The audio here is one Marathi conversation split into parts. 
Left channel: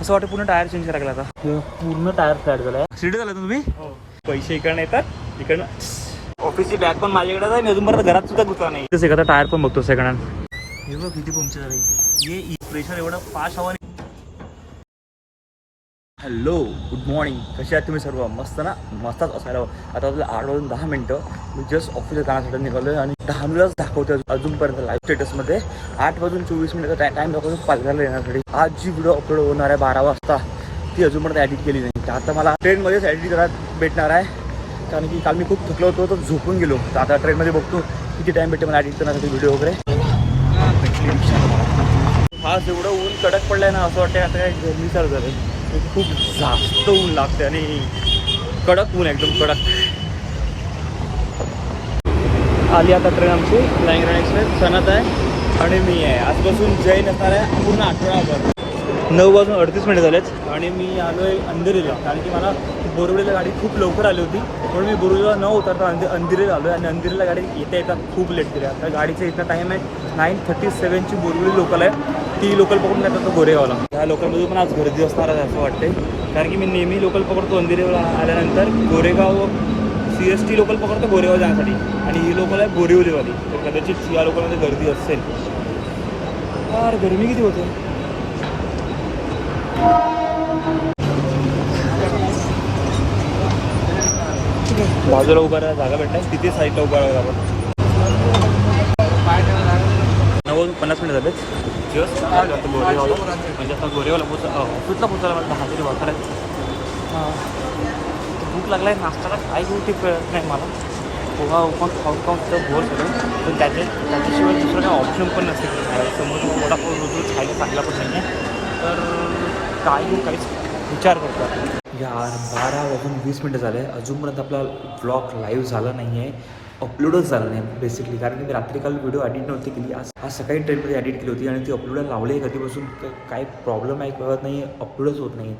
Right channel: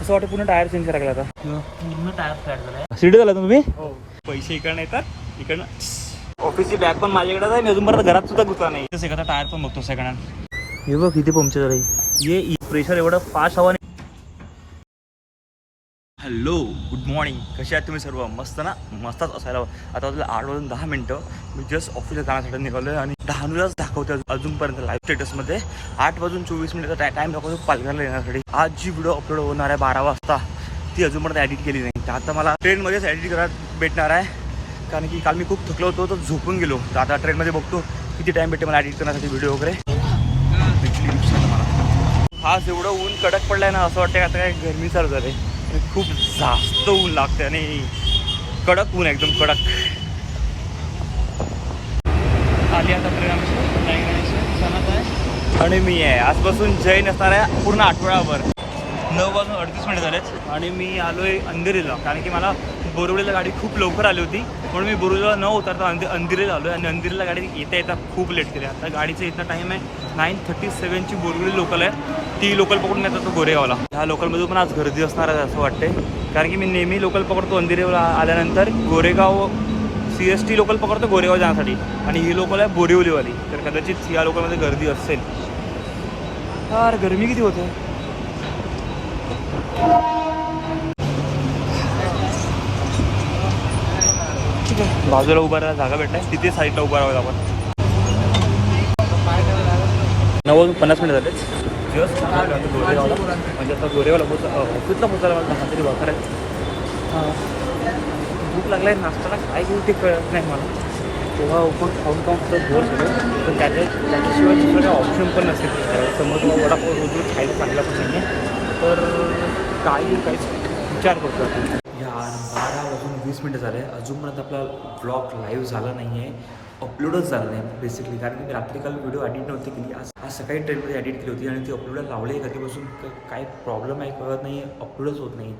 असं वाटतं पूर्ण टायर चेंज करायला आता. पूर्ण टायर फ्लॅट झालाय. सिटी झाला तुम्ही? हो. पैसे इकडनं येतात इकडनं ऑफिसची बॅग पण माझ्याकडे आहे अजून परत घरात सुद्धा गुता नाही. तसं एखादा टायर पण बघतो सेकंड हँड हे बघ किती पंक्चर झालं. ये प्रेशर एवढं फास्ट हवा हॅलो गुड मॉर्निंग. कसे आहात तुम्ही सर्व? मस्त ना? मस्तच असायला आता वाजलं आठ वाजून दहा मिनटं. मी जस्ट ऑफिसला जाण्यासाठी निघालो आणि डहाणूलाच दाखवते अजूनपर्यंत लाईव्ह स्टेटसमध्ये आठ वाजून चोवीस मिनिटाचा टाईम दाखवतो पालघरला येण्यासाठी. आज जी व्हिडिओ अपलोड होणार आहे बारा वाजता ती अजूनपर्यंत एडिट केली नाही. तर आता मला ट्रेनमध्येच एडिट करायला भेटणार आहे. कारण की काल मी खूप थकलो होतो तर झोपून गेलो. तर आता ट्रेनमध्ये बघतो किती टाईम भेटते मला एडिट करण्यासाठी व्हिडिओ वगैरे. आज एवढं ऊन कडक पडलंय ना असं वाटतं आता काय गरमी चालू झाली खूप जास्त ऊन लागते आणि कडक ऊन आहे, एकदम कडक. आली आता ट्रेन आमची सणत आहे. आणि मी आहे. आजपासून जैन असणार आहे पूर्ण आठवडाभर. नऊ वाजून अडतीस मिनिट झालेत. आणि मी आलो आहे अंधेरीला कारण की मला बोरवडीला गाडी खूप लवकर आली होती. म्हणून मी बोरवडीला न उतरता अंधे अंधेरीला आलो आहे आणि अंधेरीला गाडी येता येता खूप लेट केली. आता गाडीचा इथं टाईम आहे नाईन थर्टी सेवनची बोरवडी लोकल आहे. ती लोकल पकडून येतात तो गोरेगावला. ह्या लोकलमध्ये पण आज गर्दी असणार आहे असं वाटते कारण की मी नेहमी लोकल पकडतो अंधेरीला आल्यानंतर Goregaon C S T local पकडतो गोरेगाव जाण्यासाठी. आणि ही लोकल आहे बोरिवलीवाली. तर कदाचित या लोकलमध्ये गर्दी असेल. फार गरमी किती होते? ठीक आहे. बाजूला उभा राहायला जागा भेटणार. तिथे साईडला उभा राहावं आपण. नव्वद पन्नास मिनिट झाले. जस्ट आता गोरेगावला. म्हणजे आता गोरेगावला पोच ऑफिसला पोचायला मला दहा तरी वाजता आहे हां. भूक लागलाय नाश्त्याला काय घेऊ ते कळत नाही मला. पोहा ओपन खाऊन खाऊन सगळं बोर झालं पण त्याच्या त्याच्याशिवाय दुसरं काही ऑप्शन पण नसेल. समोर तुम्हाला वडापाव रोज रोज खायला चांगला पण नाही आहे तर काय घेऊ काहीच विचार करतो आपण. यार बारा वाजून वीस मिनटं झाले. अजूनपर्यंत आपला ब्लॉग लाईव्ह झाला नाही आहे अपलोडच झालं नाही बेसिकली कारण की मी रात्री काल व्हिडिओ एडिट नव्हती केली. आज आज सकाळी ट्रेनमध्ये एडिट केली होती आणि ती अपलोड लावली आहे कधीपासून काय प्रॉब्लेम आहे कळत नाही. अपलोडच होत नाही.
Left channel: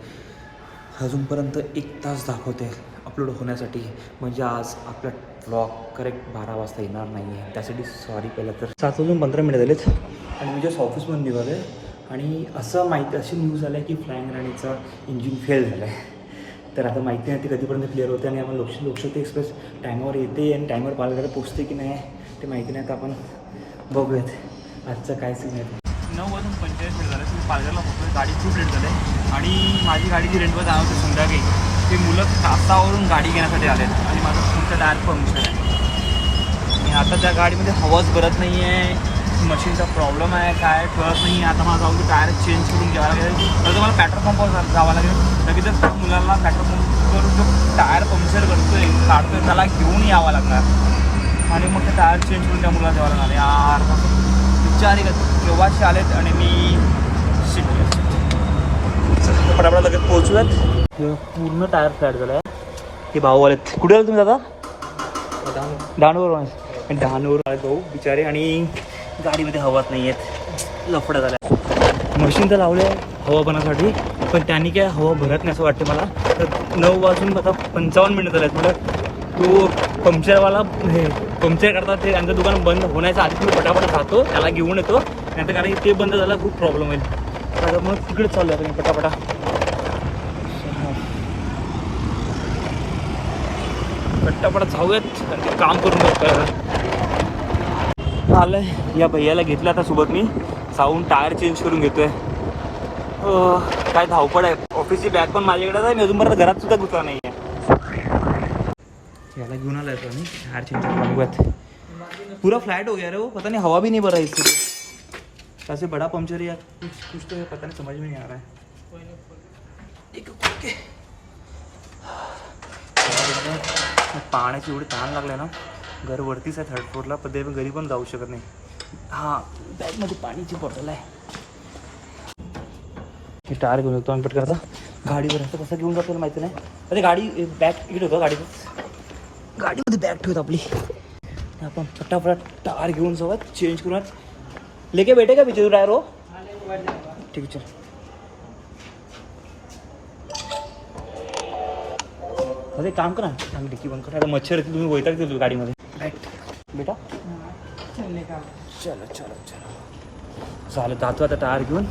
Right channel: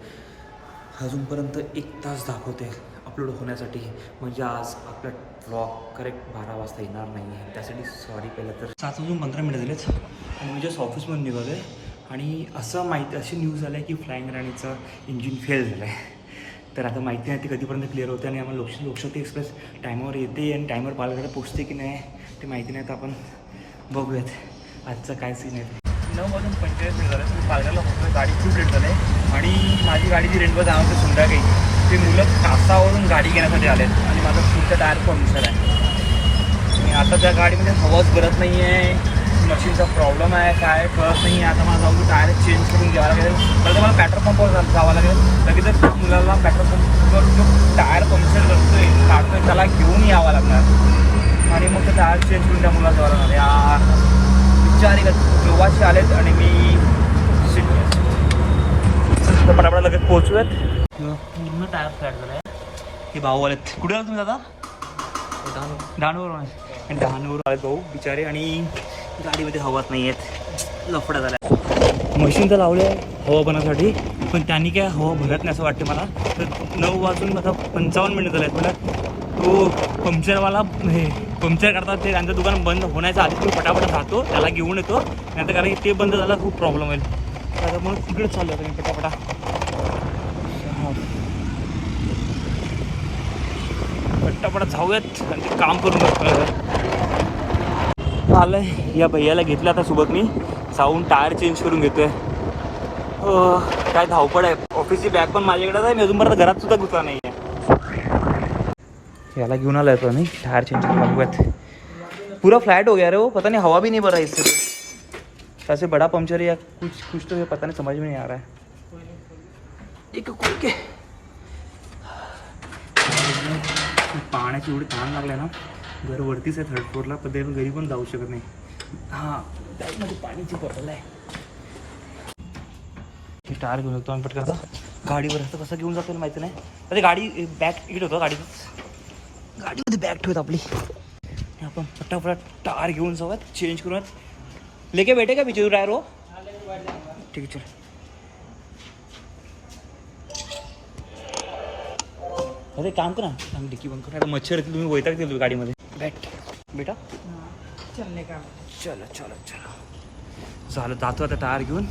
अजूनपर्यंत एक तास दाखवते अपलोड होण्यासाठी. म्हणजे आज आपला व्लॉग करेक्ट बारा वाजता येणार नाही आहे त्यासाठी सॉरी पहिला तर. सात वाजून पंधरा मिनिट झालेत. आणि म्हणजे मी जस्ट ऑफिसमधून निघालो आहे आणि असं माहिती अशी न्यूज आली आहे की फ्लाईंग राणीचं इंजिन फेल झालं आहे तर आता माहिती नाही ते कधीपर्यंत क्लिअर होते आणि आम्हाला लोकश लोकशक्ती एक्सप्रेस टायमावर येते आणि टायमावर पालघरला पोचते की नाही ते माहिती नाही. तर आपण बघूयात आजचं काय सीन आहे. नऊ वाजून पंचेचाळीस मिनिट झालं. मी पालघरला पोहोचलो. गाडी खूप लेट झालं. आहे आणि माझी गाडी जी रेंटवर जाणार होती संध्याकाळी ते मुलं कापसावरून गाडी घेण्यासाठी आले आणि माझा पुढचा टायर पंक्चर आहे. आणि आता त्या गाडीमध्ये हवाच भरत नाही आहे मशीनचा प्रॉब्लेम आहे काय कळत नाही आता मला जाऊन टायर चेंज करून घ्यावं लागेल. तर मला पेट्रोल पंपावर जावं लागेल. लगेचच त्या मुलाला पेट्रोल पंपवरून जो टायर पंक्चर करतोय काढतोय त्याला घेऊन यावं लागणार. आणि मग ते टायर चेंज करून त्या मुलाला द्यावं लागणार. यार विचारी का केव्हाचे आलेत आणि मी पटापटा लगेच पोहोचूयात. पूर्ण टायर फ्लॅट झालाय. हे भाऊ आलेत. कुठे आले तुम्ही दादा? डहाणूवर डहाणूवर आले भाऊ बिचारे. आणि गाडीमध्ये हवाच नाही आहेत लफडा झाला मशीन तर लावले हवा बनासाठी पण त्यांनी काय हवा भरत नाही असं वाटते मला. तर नऊ वाजून आता पंचावन्न मिनिटं झाले आहेत तो पंक्चरवाला हे पंक्चर करतात ते त्यांचं दुकान बंद होण्याच्या आधी मी पटापट राहतो त्याला घेऊन येतो. नाहीतर कारण की ते बंद झाला खूप प्रॉब्लेम होईल. त्याच्यामुळे तिकडे चालू आहे मी पटापटा. पटापट जाऊयात आणि ते काम करून आलंय. या भैयाला घेतलं आता सोबत मी. साऊंड टायर चेंज करून घेतोय. अं, काय धावपड आहे. ऑफिसची बॅग पण माझ्याकडे आहे मी अजूनपर्यंत घरात सुद्धा घुसला नाही आहे याला घेऊन आलाय तो मी टायर चेंज करून बघूयात. पुरा फ्लॅट हो गया रे हो. पता नहीं हवा भी नहीं भर रहा है इससे ऐसे बड़ा पंक्चर या कुछ कुछ तो ये पता नहीं समझ में नहीं आ रहा है. एक ओके पाण्याची एवढी ताण लागलाय ना. घर वरतीच आहे थर्ड फ्लोअरला पण ते घरी पण जाऊ शकत नाही. हां बॅगमध्ये पाण्याची बॉटल आहे. मी टायर घेऊन जातो नंतर करता गाडीवर असतं कसं घेऊन जातो माहिती नाही. अरे गाडी बॅग इकडे होतं गाडीतच गाडीमध्ये बॅग ठेवत आपली. आपण फटाफट टायर घेऊन सोबत चेंज करूयात. लेके भेटे का बिचू टायर हो? ठीक आहे चल. अरे काम करा आम्ही डिक्की बंद करा. आता मच्छर येतील तुम्ही वैताग देतो गाडीमध्ये. बॅट? बेटा चलो चलो चलो. झालं जातो आता टायर घेऊन.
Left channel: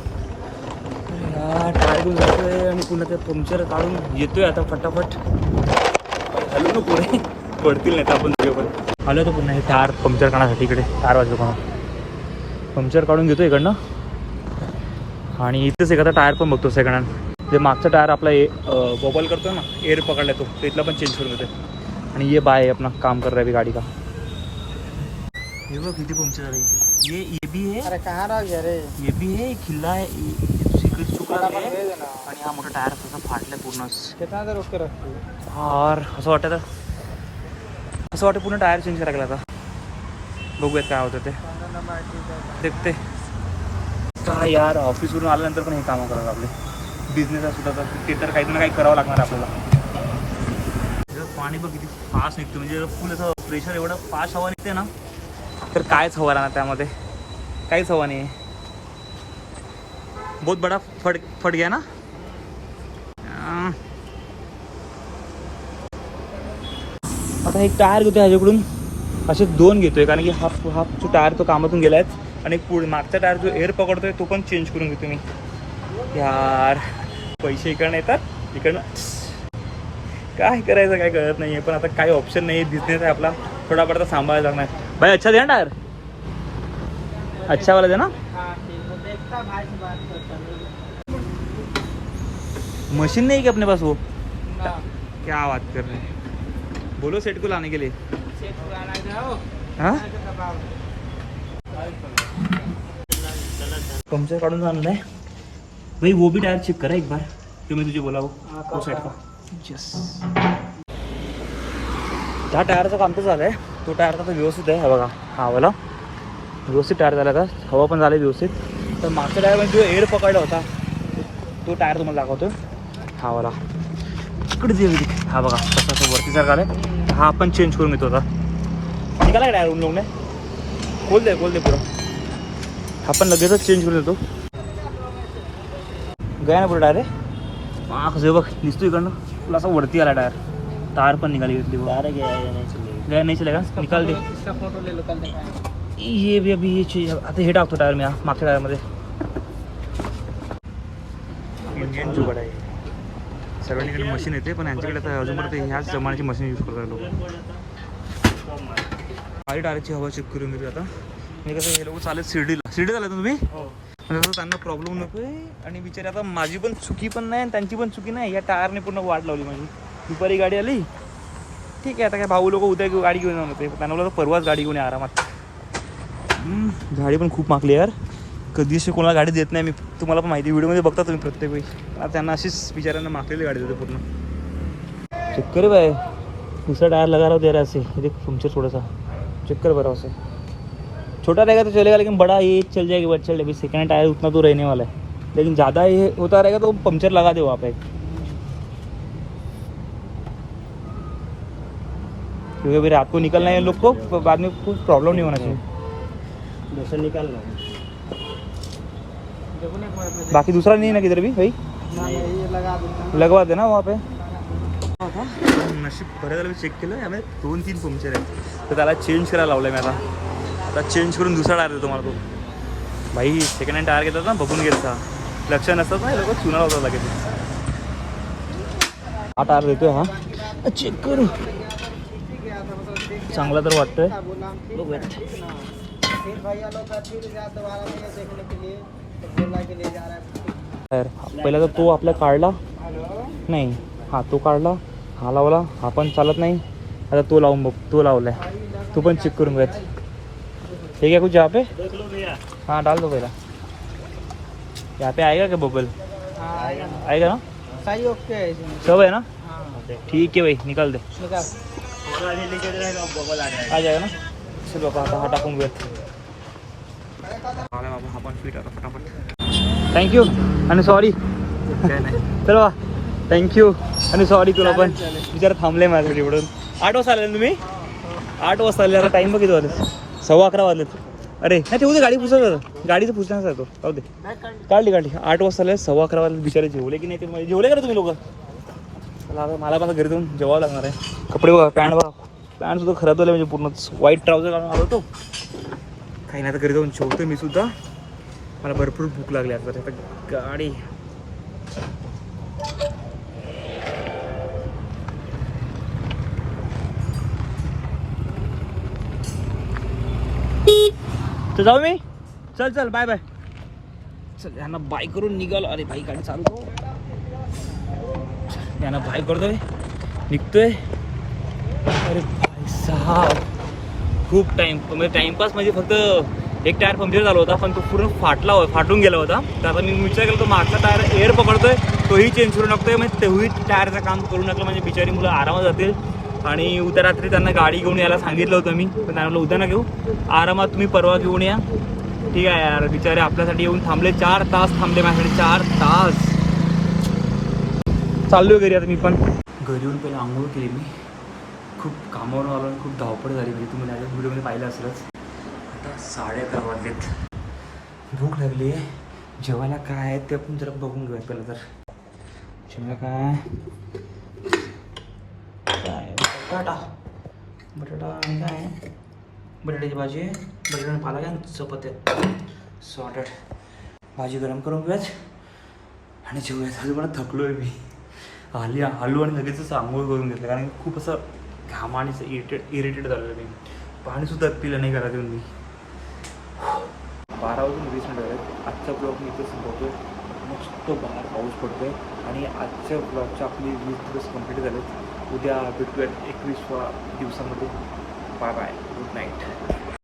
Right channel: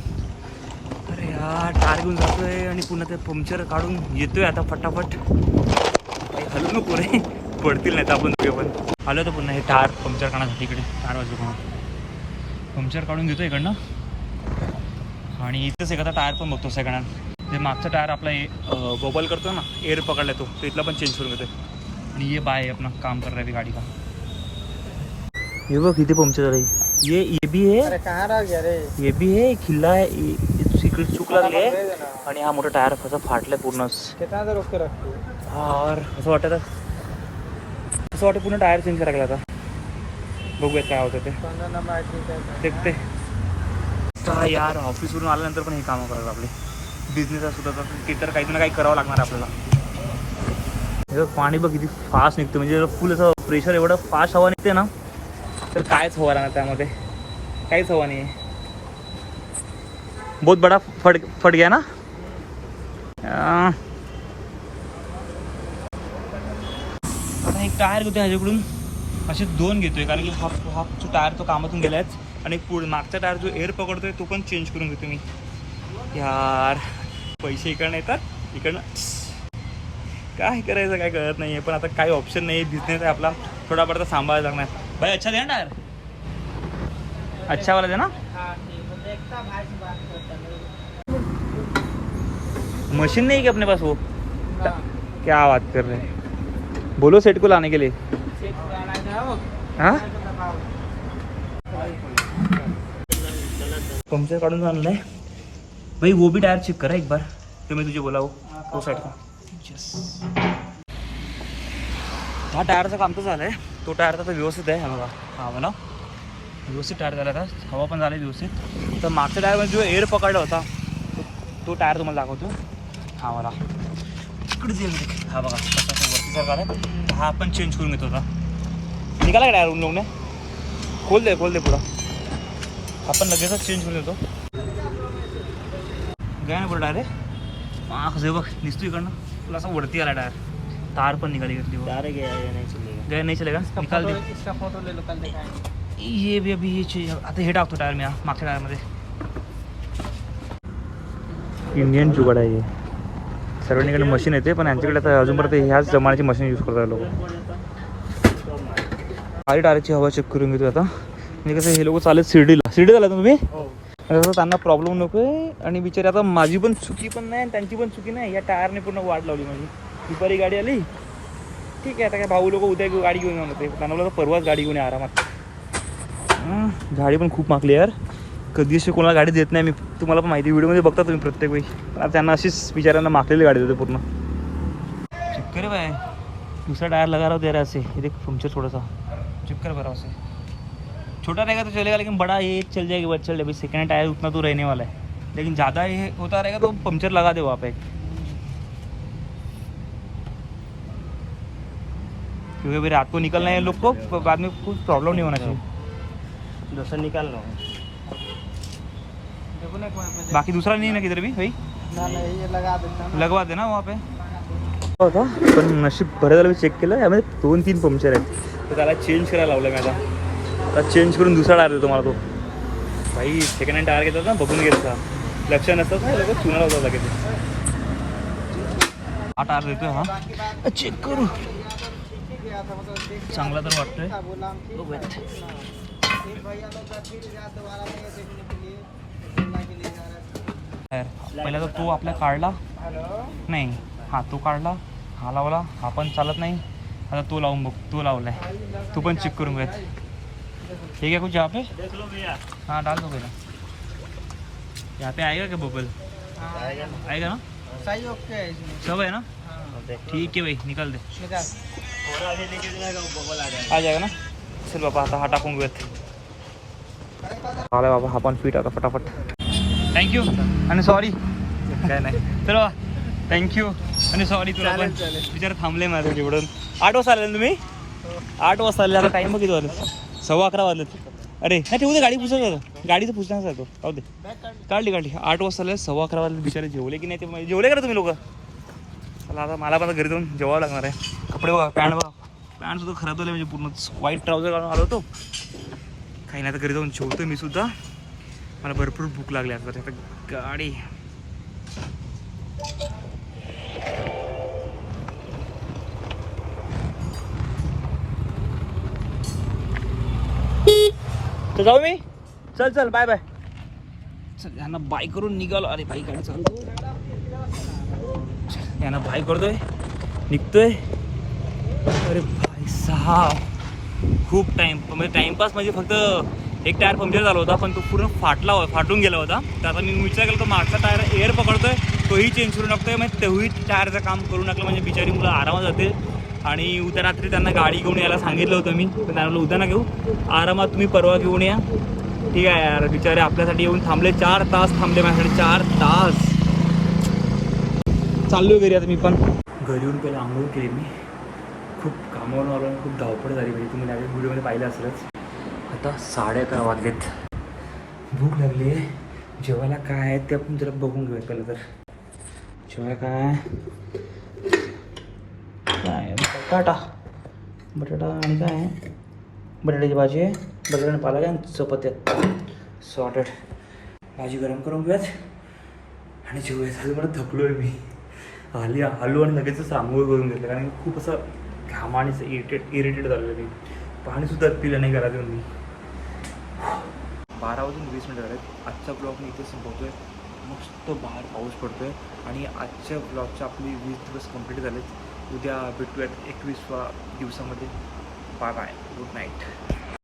अरे यार टायर घेऊन जातोय आणि पुन्हा ते पंक्चर काढून येतोय आता फटाफट. हॅलो नको रे. पडतील नाही तर आपण दोघे पण. आलो तर पुन्हा हे टायर पंक्चर काढण्यासाठी इकडे. टायर वाजलो कोणा. पंक्चर काढून घेतो इकडनं. आणि इथेच एखादा टायर पण बघतो सेकंड हँड जे मागचा टायर आपला ए गोबल करतो ना एअर पकडला तो इथला पण चेंज करून घेतोय. आणि ये बाय अपना काम कर रहा है अभी गाड़ी का. ये बघ किती पंक्चर झालं ये ये भी है. ये भी है खिल्ला आहे. ये दुसरीकडे चूक लागली आहे. आणि हा मोठा टायर कसा फाटलाय पूर्णच यार असं वाटतं असं वाटतं पूर्ण टायर चेंज करायला आता. बघूयात काय होतं ते. देखते. हा यार ऑफिसवरून आल्यानंतर पण हे कामं करायला आपले बिझनेस सुद्धा तर ते तर काही ना काही करावं लागणार आहे आपल्याला. हे पाणी बघ किती फास्ट निघतं म्हणजे फुल असं प्रेशर एवढं फास्ट हवा निघते ना. तर कायच हवा राहणार त्यामध्ये. काहीच हवा नाही बहुत बडा फट फट गया ना? आता एक टायर घेतोय ह्याच्याकडून. असे दोन घेतोय कारण की हाफ हाफ जो टायर तो कामातून गेला आणि पुढे मागचा टायर जो एअर पकडतोय तो पण चेंज करून घेतो मी. यार पैसे इकडनं येतात इकडनं. काय करायचं काय कळत नाही आहे पण आता काही ऑप्शन नाही बिझनेस आहे आपला. थोडाफार तर सांभाळायला लागणार. भाई अच्छा दे ना टायर? अच्छा वाला दे ना मशीन नहीं है क्या अपने पास वो? क्या बात कर रहे हैं। बोलो सेट को लाने के लिए। पंक्चर काढून भाई वो भी टायर चेक करा एक बार। जो मैं तुझे बोला वो साइड का। त्या टायरचं काम तर झालं आहे तो टायर तर व्यवस्थित आहे. हा बघा. हा वाला. व्यवस्थित टायर झाला का हवा पण झाली व्यवस्थित. तर मागच्या टायरमध्ये जो एअर पकडला होता तो- तो टायर तुम्हाला दाखवतो. हा वाला. इकडे जे हा बघा. कसं तो वरती सारखा आलाय. हा आपण चेंज करून घेतो आता. निघाला का टायर उन लोकने खोल दे खोल दे पुरा आपण लगेचच चेंज करून देतो गया ना पुढे टायर माग जे बघ. दिसतो इकडनं. तुला असं वरती आला टायर. तार पण निघाली घेतली बघ. गया नाही चलेगा निकाल दे. फोटो ले लो कल देखा ये भी अभी ये चीज आता हे टाकतो टायर मी हा, मागच्या टायरमध्ये. इंडियन जुगाड आहे हे. सर्वांकडे मशीन येते पण यांच्याकडे आता अजूनपर्यंत ह्याच जमान्याची मशीन यूज करतात लोक. खाली टायरची हवा चेक करून घेतो आता. आणि कसं हे लोक चालत शिर्डीला. शिर्डी झाला तुम्ही? त्यांना प्रॉब्लेम नको आहे आणि बिचारे आता माझी पण चुकी पण नाही आणि त्यांची पण चुकी नाही. या टायरने पूर्ण वाट लावली माझी. दुपारी गाडी आली. ठीक आहे आता काय भाऊ लोक उद्या गाडी घेऊन जाणार होते. त्यांना बोललं परवाच गाडी घेऊन ये आरामात. गाडी पण खूप मागली यार. कधी अशी कोणाला गाडी देत नाही मी तुम्हाला पण माहिती व्हिडिओमध्ये बघता तुम्ही प्रत्येक वेळी. आता त्यांना अशीच बिचारांना मागलेली गाडी देते पूर्ण. चक्कर बाय दुसरा टायर लगा रहा दे रहा है ऐसे ये देख पंचर थोड़ा सा. चक्कर भरा उसे. छोटा रहेगा तो चलेगा लेकिन बड़ा ये चल जाएगा बस चल अभी सेकेंड टायर उतना तो रहने वाला है. लेकिन ज़्यादा ये होता रहेगा तो पंचर लगा दे वहाँ पे. क्योंकि अभी रात को निकलना है इन लोग को बाद में कुछ प्रॉब्लम नहीं होना चाहिए। दूसरा निकाल लो। बाकी दूसरा नहीं ना किधर भी? भाई लगवा दे ना वहाँ पे। होता पण नशीब बरं झालं मी चेक केलं यामध्ये दोन तीन पंक्चर आहेत. तर त्याला चेंज करायला लावलं मी आता. आता चेंज करून दुसरा टायर देतो मला तो. भाई सेकंड हँड टायर घेतात ना बघून घेतात लक्ष नसतात ना लोक चुना लावतात लगेच. हा टायर देतोय हा. चेक करू. चांगला तर वाटतोय. पहिला तर तो आपल्या काढला नाही. हा तो काढला हा लावला? हा पण चालत नाही. आता तो लावून बघ. तो लावलाय. तो पण चेक करून घेत हे क्या कुछ यहाँ पे हाँ डाल दो पहला. यहाँ पे आएगा क्या बबल? आएगा ना? सही ओके है इसमें सब है ना? ठीक है भाई निकाल दे. आ जाएगा ना? चल बाबा आता हा टाकून घेऊयात आला बाबा हा पण फिट आता फटाफट। थँक्यू आणि सॉरी काय नाही। चल बा थँक्यू आणि सॉरी तुला पण. विचार थांबले माझ्या तिकडून आठ वाजता आले ना तुम्ही? आठ वाजता आले आता टाईम बघितलं वाजले सव्वा अकरा वाजलेत अरे नाही ठेवू दे गाडी पुसत गाडीचं पुसण्याचा आहे तो राहू दे. काढली. काढली आठ वाजता आले सव्वा अकरा वाजले बिचारे जेवले की नाही ते जेवले का तुम्ही लोक? चला आता मला पण घरी जाऊन जेवावं लागणार आहे. कपडे बघा पॅन्ट बघा. पॅन्ट सुद्धा खराब झालं म्हणजे पूर्णच व्हाईट ट्राउजर घालून आलो होतो. काही नाही आता घरी जाऊन जेवतो मी सुद्धा. मला भरपूर भूक लागली आता आता गाडी. मी. चल चल बाय बाय चल यांना बाय करून निघाल. अरे भाई गाडी चालतो यांना बाय करतोय. निघतोय. अरे भाई साहब खूप टाइम म्हणजे टाइमपास म्हणजे फक्त एक टायर पंक्चर झाला होता पण तो पूर्ण फाटला होता फाटून गेला होता. तर आता मी विचार केला तो मागचा टायर एअर पकडतोय तोही चेंज करून टाकतोय म्हणजे तोही टायरचं काम करून टाकलं म्हणजे बिचारी मुलं आरामात जातील. आणि उद्या रात्री त्यांना गाडी घेऊन यायला सांगितलं होतं मी पण त्यांना उद्या ना घेऊ. आरामात तुम्ही परवा घेऊन या. ठीक आहे यार बिचारे आपल्यासाठी येऊन थांबले. चार तास थांबले माझ्यासाठी चार तास. चाललो घरी आता मी पण. घरी येऊन पहिला आंघोळ केली मी. खूप कामावर आलो आणि खूप धावपळ झाली. म्हणजे तुम्ही माझ्या व्हिडिओमध्ये पाहिलं असेलच. आता साडे अकरा वाजलेत. भूक लागली आहे. जेवायला काय आहे ते आपण जरा बघून घेऊया पहिलं तर. जेवायला काय काय बटाटा. बटाटा आणि काय आहे? बटाट्याची भाजी आहे बटाटा आणि पालक आहे आणि चपात्या सॉर्टेड भाजी गरम करून घेऊयात. आणि जेवूयात. अजून मला थकलो आहे मी. आली आलो आणि लगेचच आंघोळ करून घेतलं. कारण की खूप असं घामानीचं इरिटेट इरिटेट झालेलं मी. पाणीसुद्धा पिलं नाही घरात येऊन मी. बारा वाजून वीस मिनटं झालेत. आजचा ब्लॉग मी इथे संपवतोय. मस्त बाहेर पाऊस पडतो आहे आणि आजच्या ब्लॉगच्या आपली वीस दिवस कंप्लीट झालेत. उद्या भेटूयात एकवीसवा दिवसामध्ये. Bye bye good night